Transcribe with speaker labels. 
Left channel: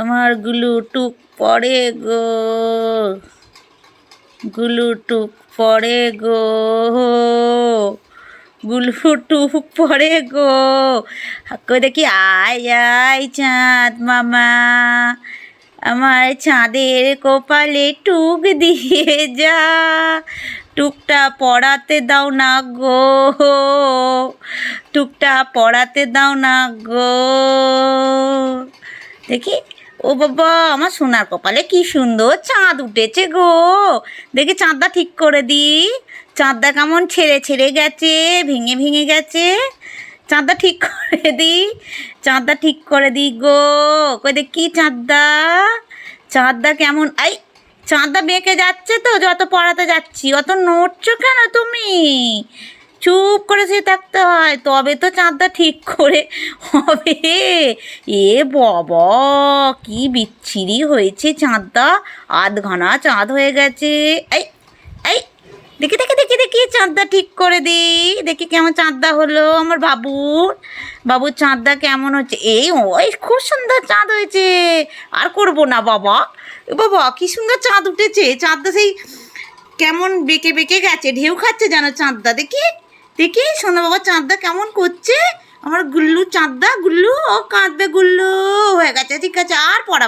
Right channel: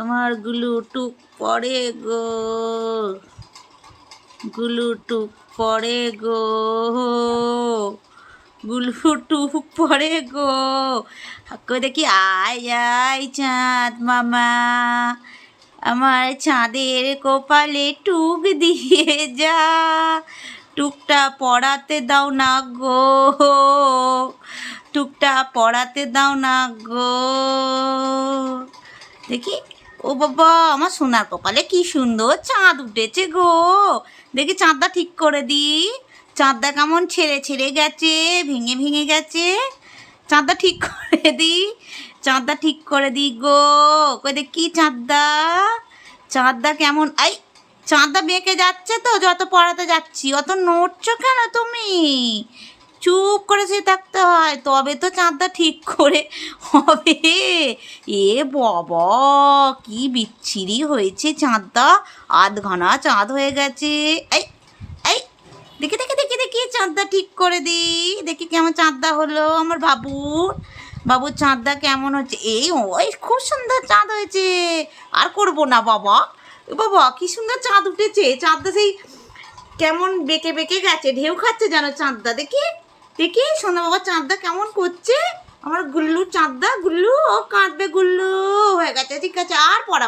Speaker 1: আমার গুলু টুক পড়ে গো। গুলু টুক পড়ে গো। গুলু টুক পড়ে গো। কই দেখি, আয় আয় চাঁদ মামা। আমার চাঁদের কপালে টুক দিয়ে যা। টুকটা পড়াতে দাও না গো। টুকটা পড়াতে দাও না গো। দেখি ও বাবা, আমার সোনার কপালে কি সুন্দর চাঁদ উঠেছে গো। দেখি চাঁদটা ঠিক করে দি চাঁদটা কেমন ছেড়ে ছেড়ে গেছে, ভেঙে ভেঙে গেছে। চাঁদটা ঠিক করে দি চাঁদটা ঠিক করে দি গো। কই দেখি চাঁদটা? চাঁদটা কেমন, আই, চাঁদটা বেঁকে যাচ্ছে তো, যত পড়াতে যাচ্ছি, অত নড়ছো কেন তুমি? চুপ করে সে থাকতে হয়। তবে তো চাঁদটা ঠিক করে হবে। এ বাবা, কি বিচ্ছিরি হয়েছে চাঁদটা। আধখানা চাঁদ হয়ে গেছে। এই এই, দেখি দেখি দেখি দেখি, চাঁদটা ঠিক করে দিই দেখি কেমন চাঁদটা হলো আমার বাবুর বাবুর চাঁদটা কেমন হচ্ছে? এই, ওই খুব সুন্দর চাঁদ হয়েছে। আর করব না বাবা। বাবা, কি সুন্দর চাঁদ উঠেছে। চাঁদটা সেই কেমন বেঁকে বেঁকে গেছে। ঢেউ খাচ্ছে যেন চাঁদটা। দেখি। দেখি সোনা বাবা চাঁদদা কেমন করছে? আমার গুল্লু চাঁদদা গুল্লু, ও কাঁদবে গুল্লু। হয়ে গেছে, ঠিক আছে, আর পড়া